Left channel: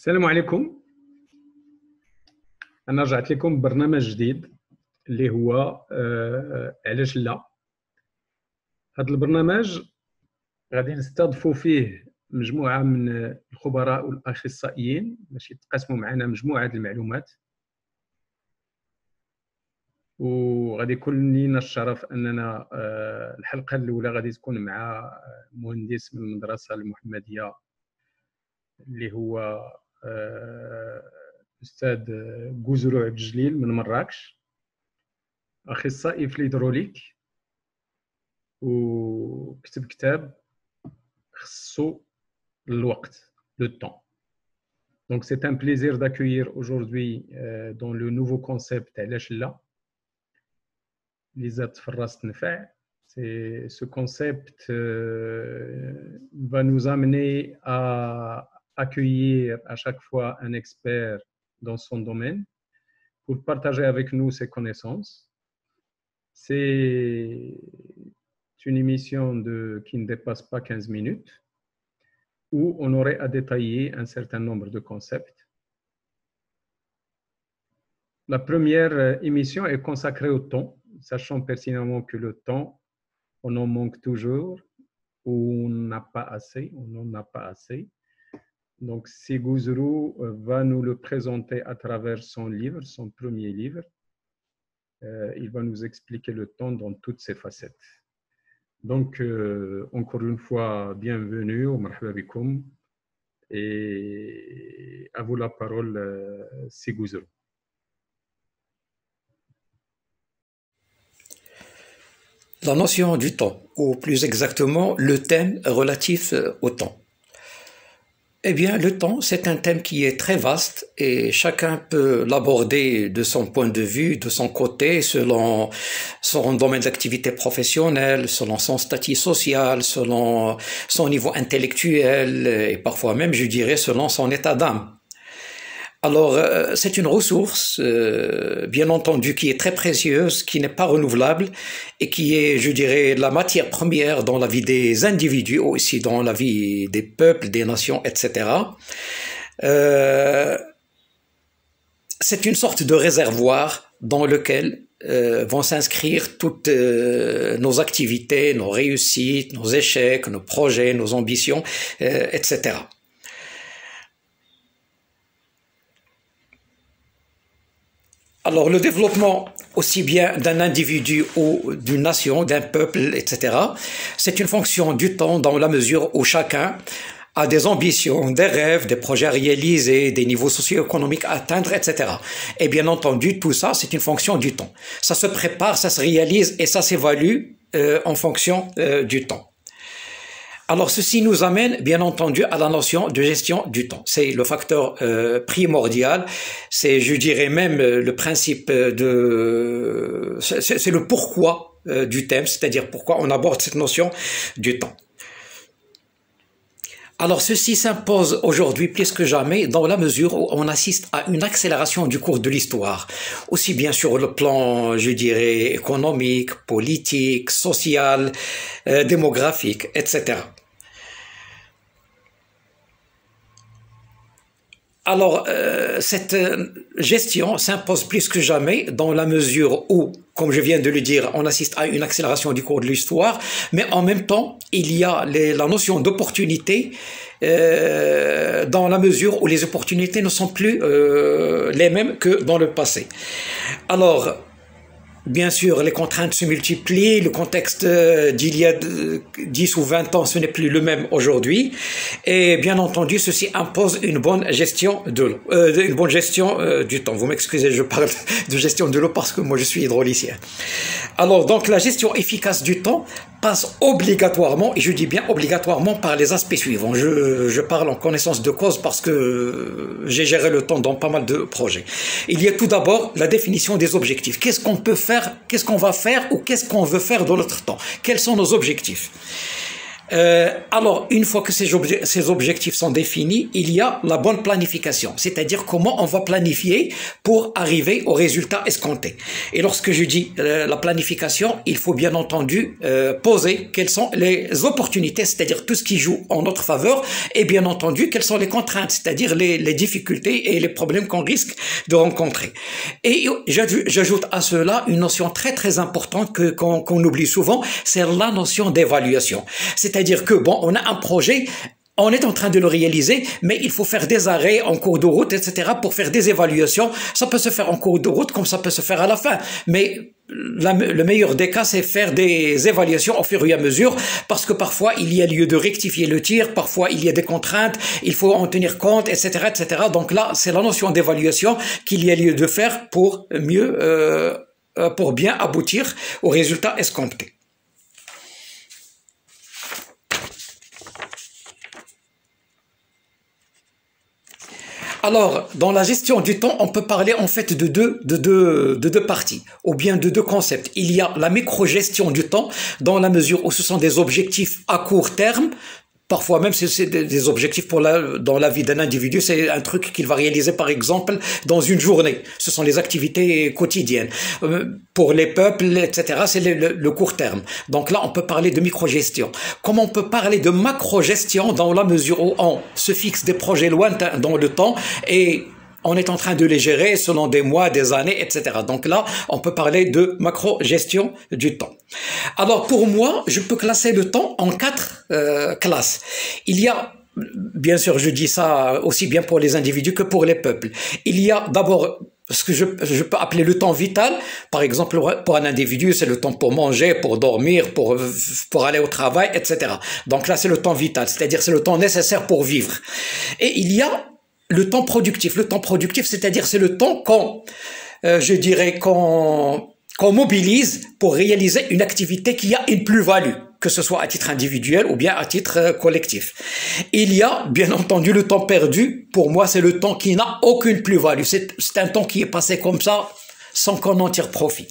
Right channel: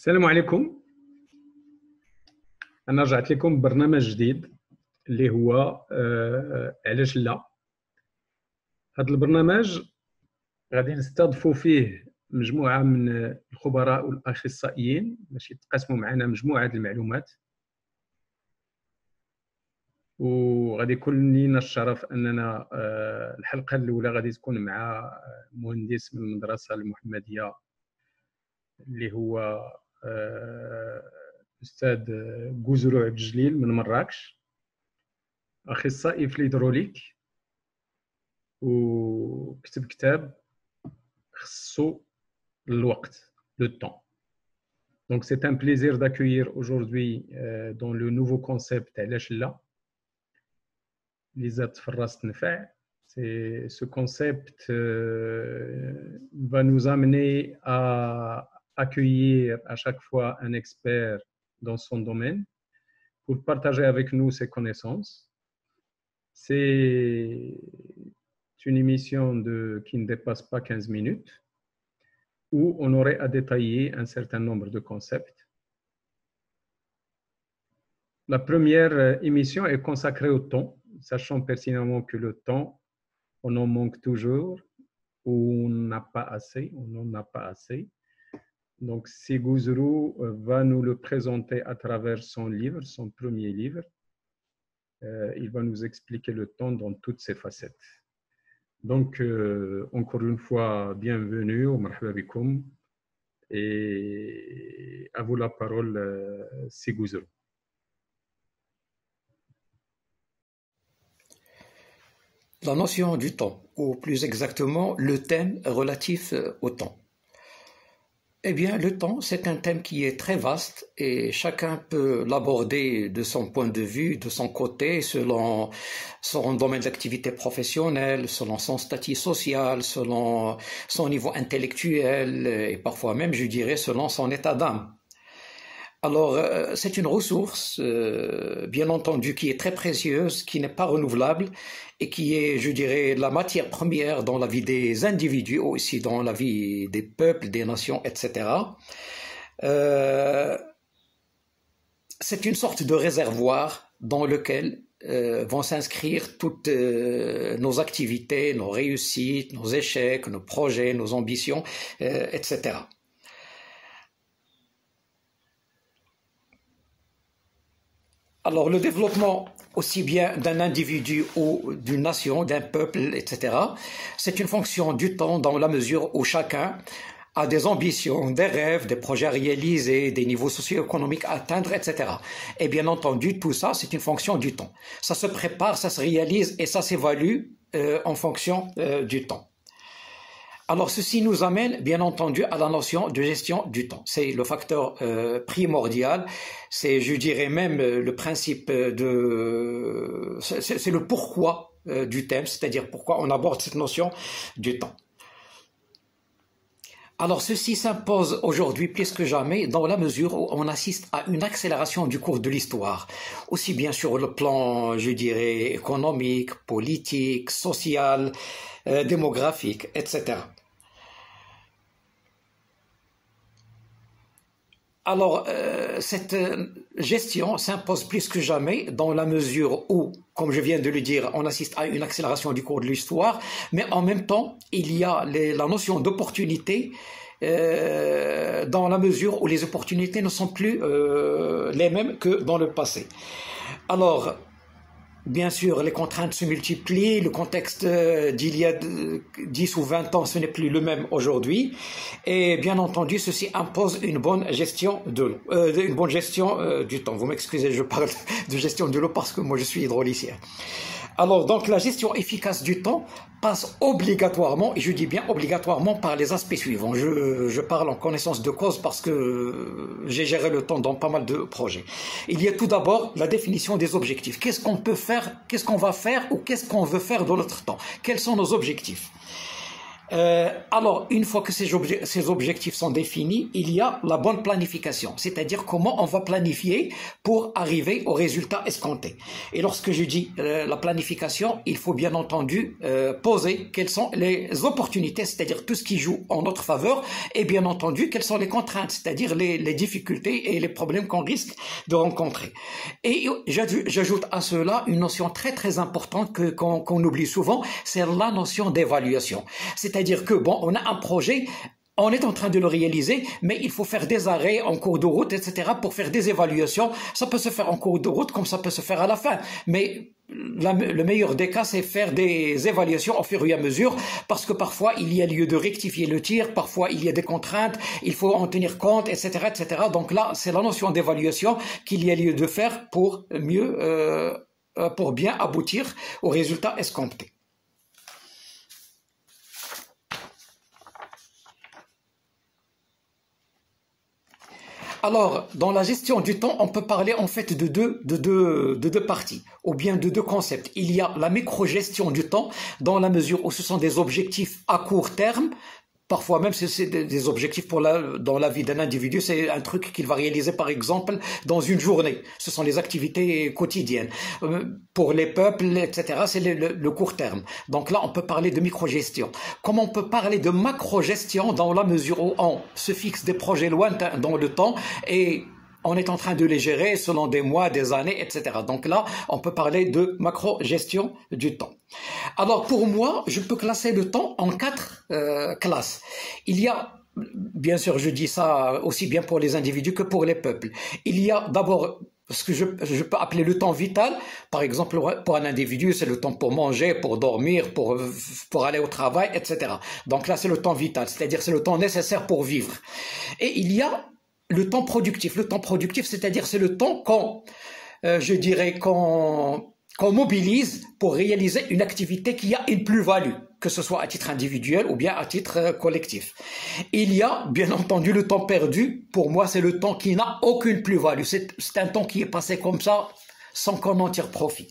السلام عليكم. انا رجعت لكم ببرنامج جديد اللي هو علاش لا. هذا البرنامج غادي نستضيفوا فيه مجموعه من الخبراء والاخصائيين باش يتقاسموا معنا مجموعه المعلومات، وغادي يكون لينا الشرف اننا الحلقه الاولى غادي تكون مع مهندس من المدرسه المحمديه اللي هو أستاذ جوزرو عبد الجليل من مراكش، أخصائي في الهيدروليك، وكتب كتاب خصو الوقت، le temps. Donc c'est un plaisir d'accueillir aujourd'hui dans le nouveau concept علاش لا اللي زاد في الراس تنفع. Ce concept va nous amener à accueillir à chaque fois un expert dans son domaine pour partager avec nous ses connaissances. C'est une émission qui ne dépasse pas 15 minutes où on aurait à détailler un certain nombre de concepts. La première émission est consacrée au temps, sachant pertinemment que le temps, on en manque toujours, ou on n'a pas assez, on n'en a pas assez. Donc, Siguzuru va nous le présenter à travers son livre, son premier livre. Il va nous expliquer le temps dans toutes ses facettes. Donc, encore une fois, bienvenue au marhaba bikoum, et à vous la parole, Siguzuru. La notion du temps, ou plus exactement le thème relatif au temps. Eh bien, le temps, c'est un thème qui est très vaste et chacun peut l'aborder de son point de vue, de son côté, selon son domaine d'activité professionnelle, selon son statut social, selon son niveau intellectuel et parfois même, je dirais, selon son état d'âme. Alors, c'est une ressource, bien entendu, qui est très précieuse, qui n'est pas renouvelable et qui est, je dirais, la matière première dans la vie des individus, aussi dans la vie des peuples, des nations, etc. C'est une sorte de réservoir dans lequel vont s'inscrire toutes nos activités, nos réussites, nos échecs, nos projets, nos ambitions, etc. Alors, le développement aussi bien d'un individu ou d'une nation, d'un peuple, etc., c'est une fonction du temps dans la mesure où chacun a des ambitions, des rêves, des projets à réaliser, des niveaux socio-économiques à atteindre, etc. Et bien entendu, tout ça, c'est une fonction du temps. Ça se prépare, ça se réalise et ça s'évalue en fonction du temps. Alors, ceci nous amène, bien entendu, à la notion de gestion du temps. C'est le facteur primordial. C'est, je dirais même, le principe de... C'est le pourquoi du thème, c'est-à-dire pourquoi on aborde cette notion du temps. Alors, ceci s'impose aujourd'hui plus que jamais dans la mesure où on assiste à une accélération du cours de l'histoire, aussi bien sur le plan, je dirais, économique, politique, social, démographique, etc. Alors, cette gestion s'impose plus que jamais dans la mesure où, comme je viens de le dire, on assiste à une accélération du cours de l'histoire, mais en même temps, il y a la notion d'opportunité dans la mesure où les opportunités ne sont plus les mêmes que dans le passé. Alors, bien sûr, les contraintes se multiplient, le contexte d'il y a 10 ou 20 ans, ce n'est plus le même aujourd'hui. Et bien entendu, ceci impose une bonne gestion du temps. Vous m'excusez, je parle de gestion de l'eau parce que moi je suis hydraulicien. Alors, donc, la gestion efficace du temps passe obligatoirement, et je dis bien obligatoirement, par les aspects suivants. Je parle en connaissance de cause parce que j'ai géré le temps dans pas mal de projets. Il y a tout d'abord la définition des objectifs. Qu'est-ce qu'on peut faire, qu'est-ce qu'on va faire ou qu'est-ce qu'on veut faire dans notre temps? Quels sont nos objectifs? Alors, une fois que ces objectifs sont définis, il y a la bonne planification, c'est-à-dire comment on va planifier pour arriver au résultat escompté. Et lorsque je dis la planification, il faut bien entendu poser quelles sont les opportunités, c'est-à-dire tout ce qui joue en notre faveur, et bien entendu quelles sont les contraintes, c'est-à-dire les difficultés et les problèmes qu'on risque de rencontrer. Et j'ajoute à cela une notion très très importante qu'on oublie souvent, c'est la notion d'évaluation. C'est-à-dire que, bon, on a un projet, on est en train de le réaliser, mais il faut faire des arrêts en cours de route, etc. pour faire des évaluations. Ça peut se faire en cours de route comme ça peut se faire à la fin. Mais le meilleur des cas, c'est faire des évaluations au fur et à mesure, parce que parfois, il y a lieu de rectifier le tir, parfois, il y a des contraintes, il faut en tenir compte, etc., etc. Donc là, c'est la notion d'évaluation qu'il y a lieu de faire pour pour bien aboutir au résultat escompté. Alors, dans la gestion du temps, on peut parler en fait de deux parties, ou bien de deux concepts. Il y a la micro-gestion du temps, dans la mesure où ce sont des objectifs à court terme. Parfois même, c'est des objectifs dans la vie d'un individu, c'est un truc qu'il va réaliser par exemple dans une journée. Ce sont les activités quotidiennes. Pour les peuples, etc., c'est le court terme. Donc là, on peut parler de micro-gestion. Comme on peut parler de macro-gestion dans la mesure où on se fixe des projets lointains dans le temps et on est en train de les gérer selon des mois, des années, etc. Donc là, on peut parler de macro-gestion du temps. Alors pour moi, je peux classer le temps en 4 classes. Il y a, bien sûr, je dis ça aussi bien pour les individus que pour les peuples. Il y a d'abord ce que je peux appeler le temps vital. Par exemple, pour un individu, c'est le temps pour manger, pour dormir, pour aller au travail, etc. Donc là, c'est le temps vital, c'est-à-dire c'est le temps nécessaire pour vivre. Et il y a le temps productif. Le temps productif, c'est-à-dire c'est le temps qu'on mobilise pour réaliser une activité qui a une plus-value, que ce soit à titre individuel ou bien à titre collectif. Il y a, bien entendu, le temps perdu. Pour moi, c'est le temps qui n'a aucune plus-value. C'est un temps qui est passé comme ça, sans qu'on en tire profit.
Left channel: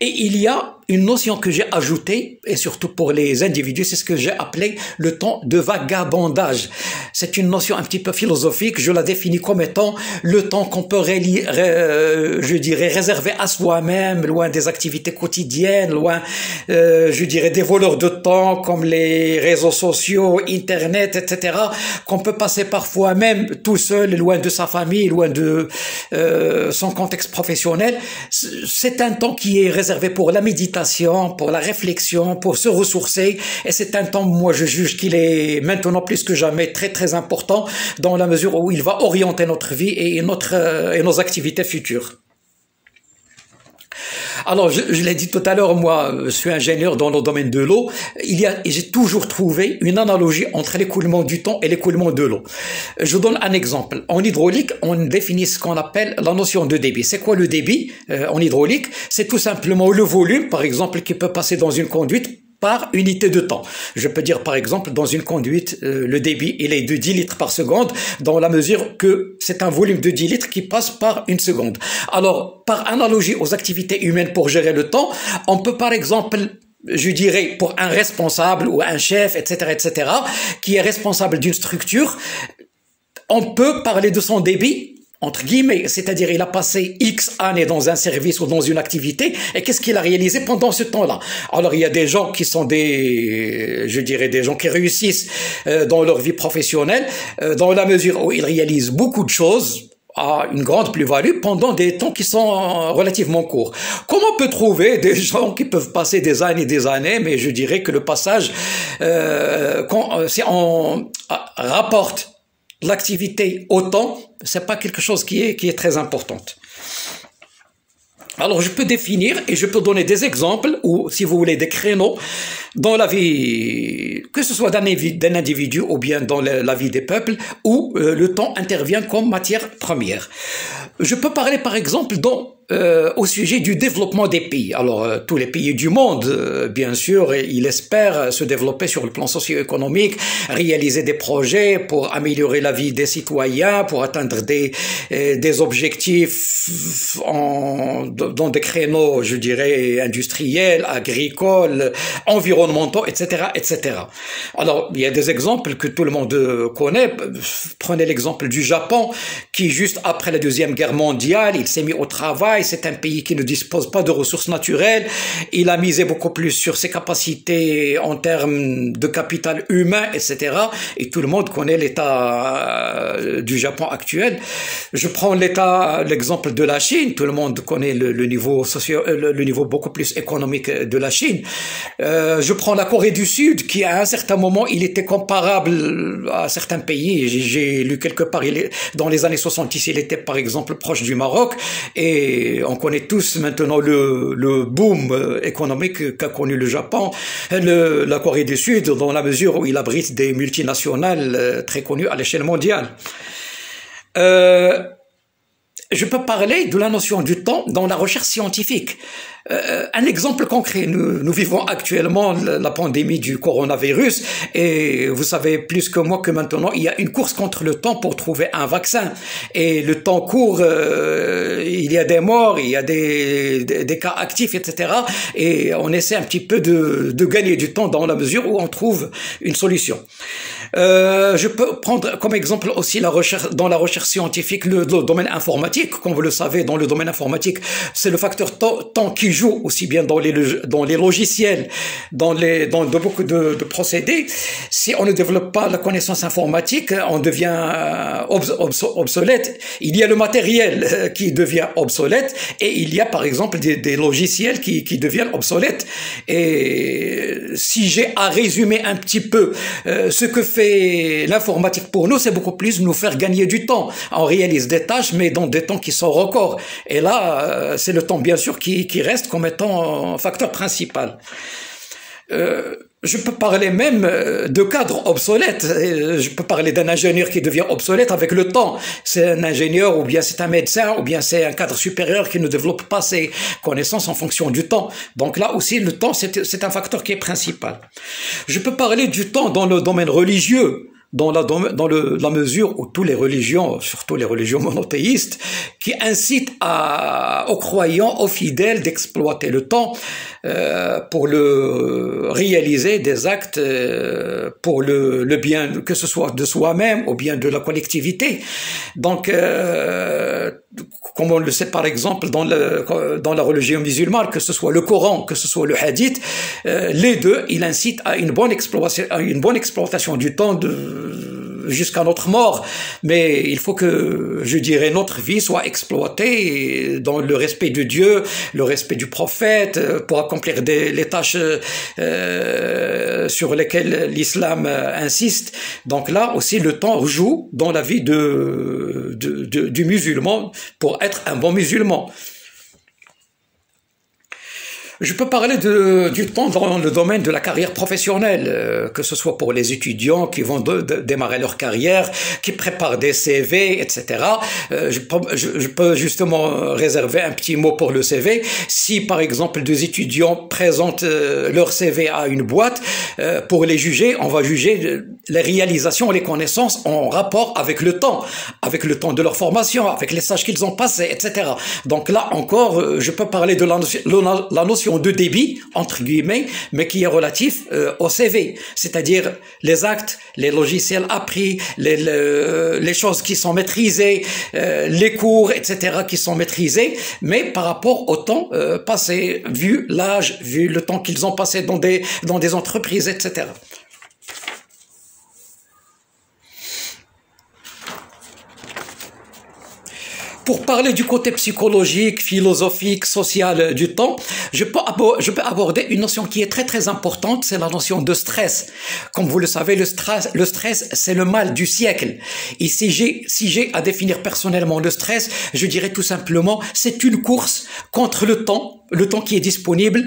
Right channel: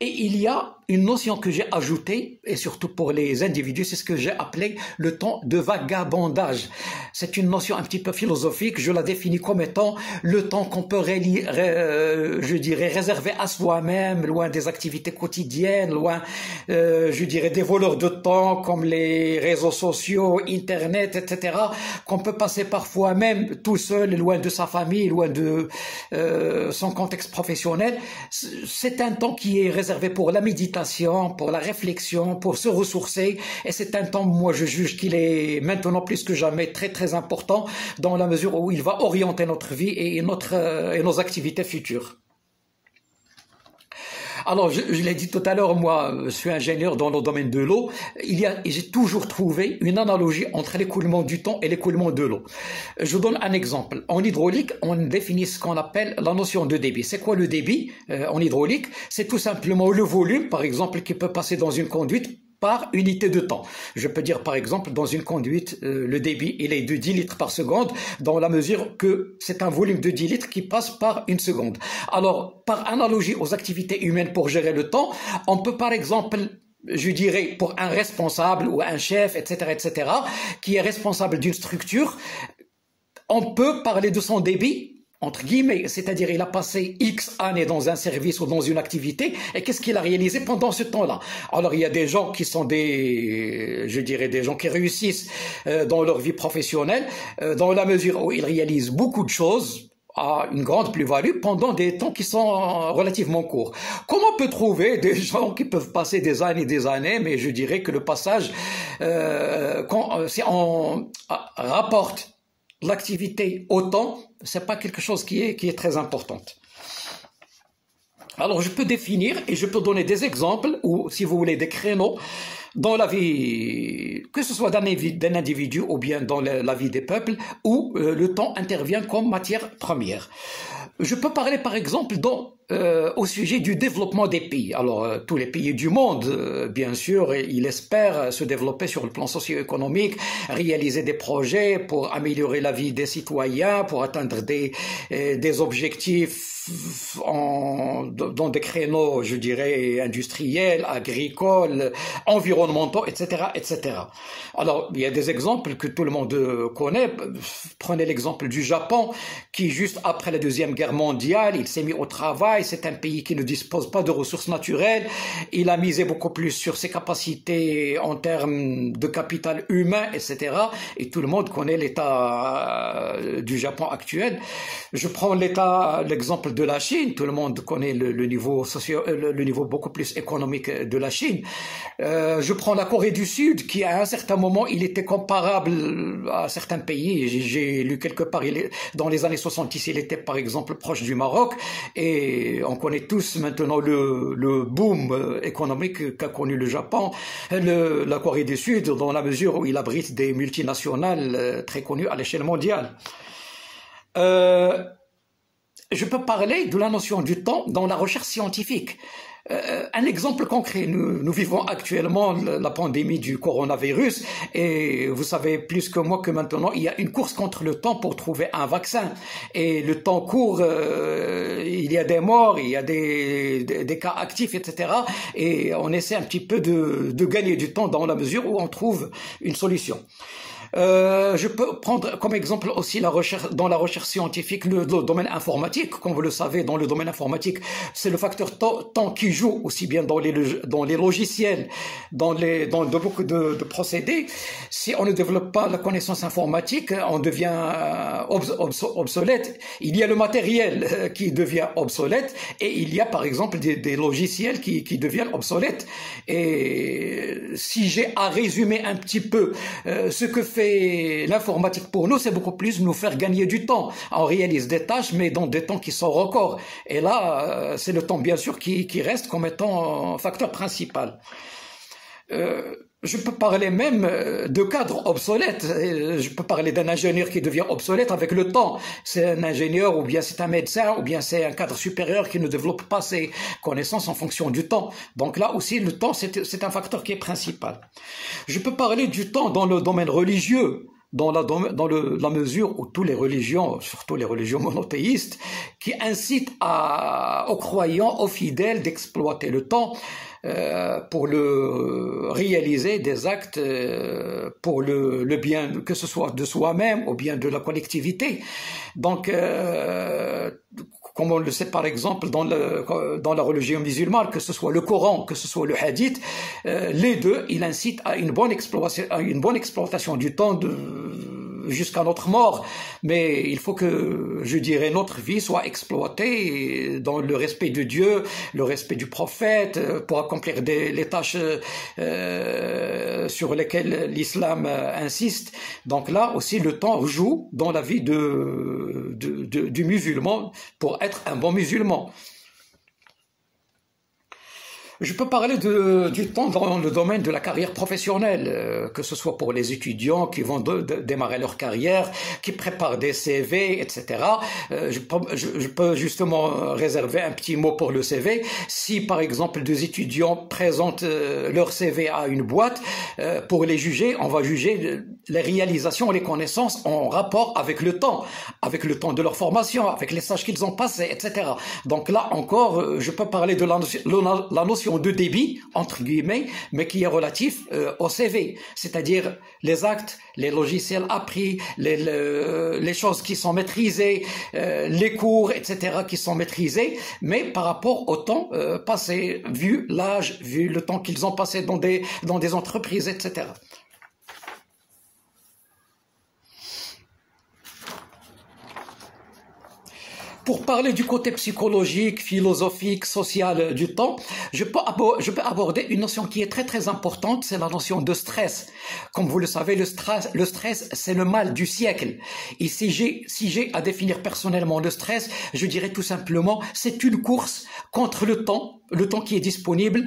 Et il y a une notion que j'ai ajoutée, et surtout pour les individus, c'est ce que j'ai appelé le temps de vagabondage. C'est une notion un petit peu philosophique, je la définis comme étant le temps qu'on peut, je dirais, réserver à soi-même, loin des activités quotidiennes, loin, je dirais, des voleurs de temps comme les réseaux sociaux, Internet, etc., qu'on peut passer parfois même tout seul, loin de sa famille, loin de son contexte professionnel. C'est un temps qui est réservé pour la méditation, pour la réflexion, pour se ressourcer, et c'est un temps, moi je juge qu'il est maintenant plus que jamais très très important dans la mesure où il va orienter notre vie et nos activités futures. Alors, je l'ai dit tout à l'heure, moi, je suis ingénieur dans le domaine de l'eau. J'ai toujours trouvé une analogie entre l'écoulement du temps et l'écoulement de l'eau. Je donne un exemple. En hydraulique, on définit ce qu'on appelle la notion de débit. C'est quoi le débit en hydraulique? C'est tout simplement le volume, par exemple, qui peut passer dans une conduite par unité de temps. Je peux dire par exemple dans une conduite, le débit il est de 10 litres par seconde dans la mesure que c'est un volume de 10 litres qui passe par une seconde. Alors par analogie aux activités humaines pour gérer le temps, on peut par exemple, je dirais pour un responsable ou un chef, etc., etc., qui est responsable d'une structure, on peut parler de son débit entre guillemets, c'est-à-dire il a passé X années dans un service ou dans une activité, et qu'est-ce qu'il a réalisé pendant ce temps-là? Alors il y a des gens qui sont je dirais des gens qui réussissent dans leur vie professionnelle, dans la mesure où ils réalisent beaucoup de choses à une grande plus-value pendant des temps qui sont relativement courts. Comment on peut trouver des gens qui peuvent passer des années, mais je dirais que le passage, si on rapporte l'activité au temps, c'est pas quelque chose qui est très importante. Alors je peux définir et je peux donner des exemples ou si vous voulez des créneaux dans la vie, que ce soit d'un individu ou bien dans la vie des peuples où le temps intervient comme matière première. Je peux parler par exemple au sujet du développement des pays. Alors, tous les pays du monde, bien sûr, ils espèrent se développer sur le plan socio-économique, réaliser des projets pour améliorer la vie des citoyens, pour atteindre des objectifs dans des créneaux, je dirais, industriels, agricoles, environnementaux, environnementaux, etc., etc. Alors, il y a des exemples que tout le monde connaît. Prenez l'exemple du Japon, qui juste après la Deuxième Guerre mondiale, il s'est mis au travail. C'est un pays qui ne dispose pas de ressources naturelles. Il a misé beaucoup plus sur ses capacités en termes de capital humain, etc. Et tout le monde connaît l'état du Japon actuel. Je prends l'exemple de la Chine. Tout le monde connaît le niveau beaucoup plus économique de la Chine. Je prends la Corée du Sud, qui à un certain moment, il était comparable à certains pays. J'ai lu quelque part, dans les années 70, il était par exemple proche du Maroc. Et on connaît tous maintenant le boom économique qu'a connu le Japon, la Corée du Sud, dans la mesure où il abrite des multinationales très connues à l'échelle mondiale. Je peux parler de la notion du temps dans la recherche scientifique. Un exemple concret, nous vivons actuellement la pandémie du coronavirus et vous savez plus que moi que maintenant il y a une course contre le temps pour trouver un vaccin et le temps court, il y a des morts, il y a des cas actifs, etc. Et on essaie un petit peu de gagner du temps dans la mesure où on trouve une solution. Je peux prendre comme exemple aussi dans la recherche scientifique le domaine informatique. Comme vous le savez, dans le domaine informatique, c'est le facteur temps qui joue aussi bien dans les logiciels, dans beaucoup de procédés. Si on ne développe pas la connaissance informatique, on devient obsolète. Il y a le matériel qui devient obsolète et il y a par exemple des logiciels qui deviennent obsolètes. Et si j'ai à résumer un petit peu ce que fait l'informatique pour nous, c'est beaucoup plus nous faire gagner du temps. On réalise des tâches, mais dans des temps qui sont records. Et là, c'est le temps, bien sûr, qui reste comme étant un facteur principal. Je peux parler même de cadres obsolètes. Je peux parler d'un ingénieur qui devient obsolète avec le temps. C'est un ingénieur, ou bien c'est un médecin, ou bien c'est un cadre supérieur qui ne développe pas ses connaissances en fonction du temps. Donc là aussi, le temps, c'est un facteur qui est principal. Je peux parler du temps dans le domaine religieux, dans la mesure où toutes les religions, surtout les religions monothéistes, qui incitent aux croyants, aux fidèles d'exploiter le temps pour réaliser des actes pour le bien, que ce soit de soi-même ou bien de la collectivité. Donc, comme on le sait par exemple dans la religion musulmane, que ce soit le Coran, que ce soit le Hadith, les deux, ils incitent à une bonne exploitation du temps jusqu'à notre mort. Mais il faut que, je dirais, notre vie soit exploitée dans le respect de Dieu, le respect du prophète, pour accomplir les tâches sur lesquelles l'islam insiste. Donc là aussi, le temps joue dans la vie du musulman pour être un bon musulman. Je peux parler du temps dans le domaine de la carrière professionnelle, que ce soit pour les étudiants qui vont démarrer leur carrière, qui préparent des CV, etc. Je peux justement réserver un petit mot pour le CV. Si, par exemple, des étudiants présentent leur CV à une boîte, pour les juger, on va juger les réalisations, les connaissances en rapport avec le temps de leur formation, avec les stages qu'ils ont passés, etc. Donc là encore, je peux parler de la notion de débit, entre guillemets, mais qui est relatif au CV, c'est-à-dire les actes, les logiciels appris, les choses qui sont maîtrisées, les cours, etc., qui sont maîtrisés, mais par rapport au temps passé, vu l'âge, vu le temps qu'ils ont passé dans des entreprises, etc. Pour parler du côté psychologique, philosophique, social du temps, je peux aborder une notion qui est très très importante, c'est la notion de stress. Comme vous le savez, le stress, c'est le mal du siècle. Et si j'ai à définir personnellement le stress, je dirais tout simplement, c'est une course contre le temps qui est disponible.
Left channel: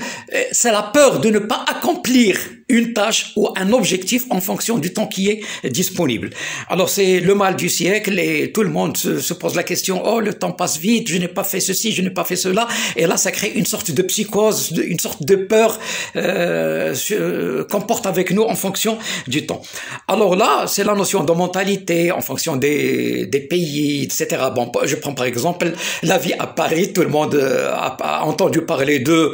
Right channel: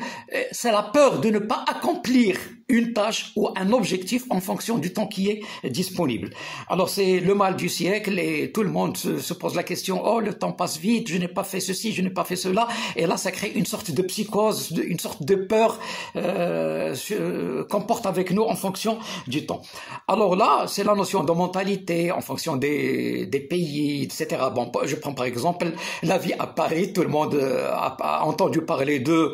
C'est la peur de ne pas accomplir une tâche ou un objectif en fonction du temps qui est disponible. Alors c'est le mal du siècle et tout le monde se pose la question, oh le temps passe vite, je n'ai pas fait ceci, je n'ai pas fait cela, et là ça crée une sorte de psychose, une sorte de peur qu'on porte avec nous en fonction du temps. Alors là c'est la notion de mentalité en fonction des pays, etc. Bon, je prends par exemple la vie à Paris, tout le monde a entendu parler de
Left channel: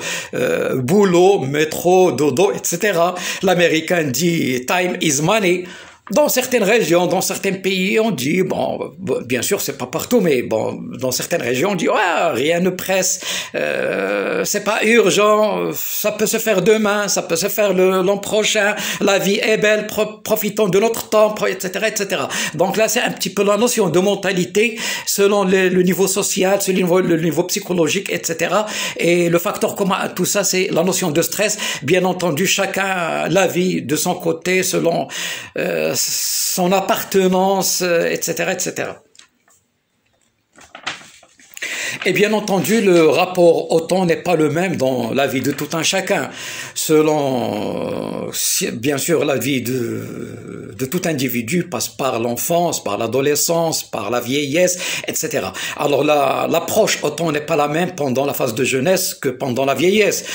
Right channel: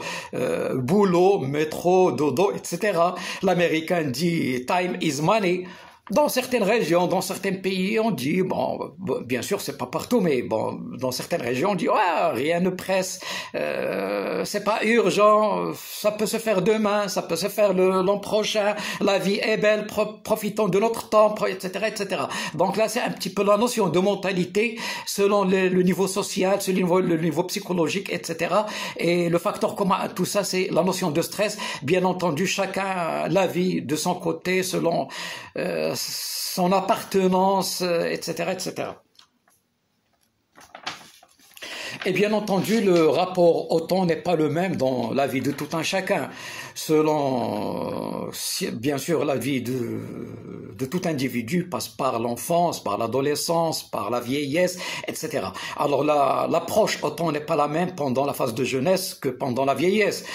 boulot, métro, dodo, etc. L'américain dit time is money. Dans certaines régions, dans certains pays, on dit, bon, bien sûr, c'est pas partout, mais bon, dans certaines régions, on dit, ouais, rien ne presse, c'est pas urgent, ça peut se faire demain, ça peut se faire l'an prochain, la vie est belle, profitons de notre temps, etc., etc. Donc là, c'est un petit peu la notion de mentalité selon le niveau social, selon le niveau psychologique, etc. Et le facteur commun à tout ça, c'est la notion de stress. Bien entendu, chacun la vit de son côté selon son appartenance, etc., etc. Et bien entendu, le rapport au temps n'est pas le même dans la vie de tout un chacun. Selon, bien sûr, la vie de tout individu passe par l'enfance, par l'adolescence, par la vieillesse, etc. Alors l'approche au temps n'est pas la même pendant la phase de jeunesse que pendant la vieillesse.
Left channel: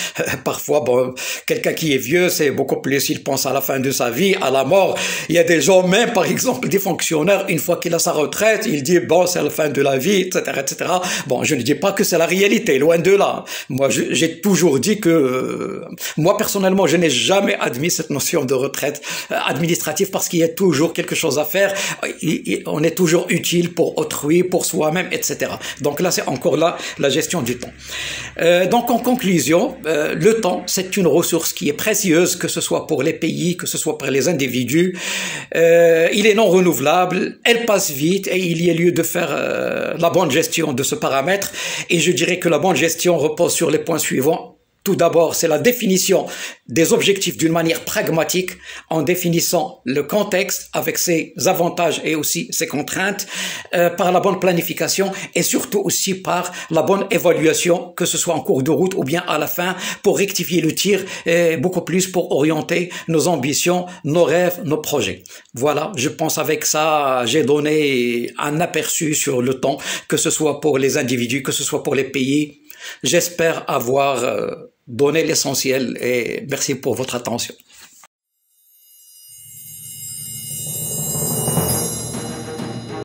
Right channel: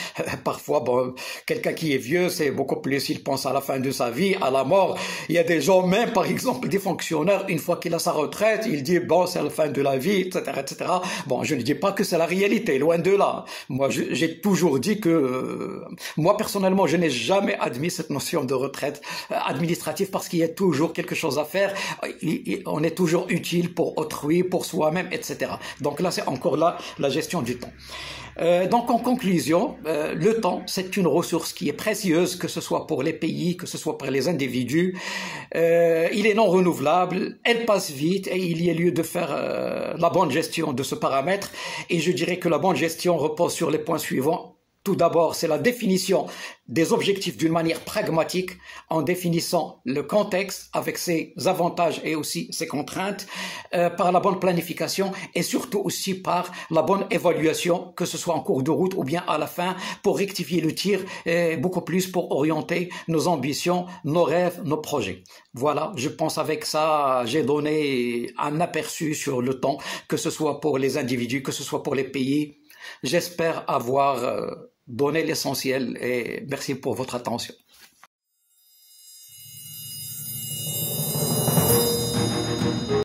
Parfois, bon, quelqu'un qui est vieux, c'est beaucoup plus, il pense à la fin de sa vie, à la mort. Il y a des gens, même par exemple des fonctionnaires, une fois qu'il a sa retraite, il dit, bon, c'est la fin de la vie, etc., etc. Bon, je ne dis pas que c'est la réalité, loin de là. Moi, j'ai toujours dit que, moi personnellement, je n'ai jamais admis cette notion de retraite administrative parce qu'il y a toujours quelque chose à faire. On est toujours utile pour autrui, pour soi-même, etc. Donc là, c'est encore là la gestion du temps. Donc en conclusion, le temps, c'est une ressource qui est précieuse, que ce soit pour les pays, que ce soit pour les individus. Il est non renouvelable, elle passe vite et il y a lieu de faire la bonne gestion de ce paramètre. Et je dirais que la bonne gestion repose sur les points suivants. Tout d'abord, c'est la définition des objectifs d'une manière pragmatique en définissant le contexte avec ses avantages et aussi ses contraintes, par la bonne planification et surtout aussi par la bonne évaluation, que ce soit en cours de route ou bien à la fin pour rectifier le tir et beaucoup plus pour orienter nos ambitions, nos rêves, nos projets. Voilà, je pense avec ça, j'ai donné un aperçu sur le temps, que ce soit pour les individus, que ce soit pour les pays. J'espère avoir donné l'essentiel et merci pour votre attention.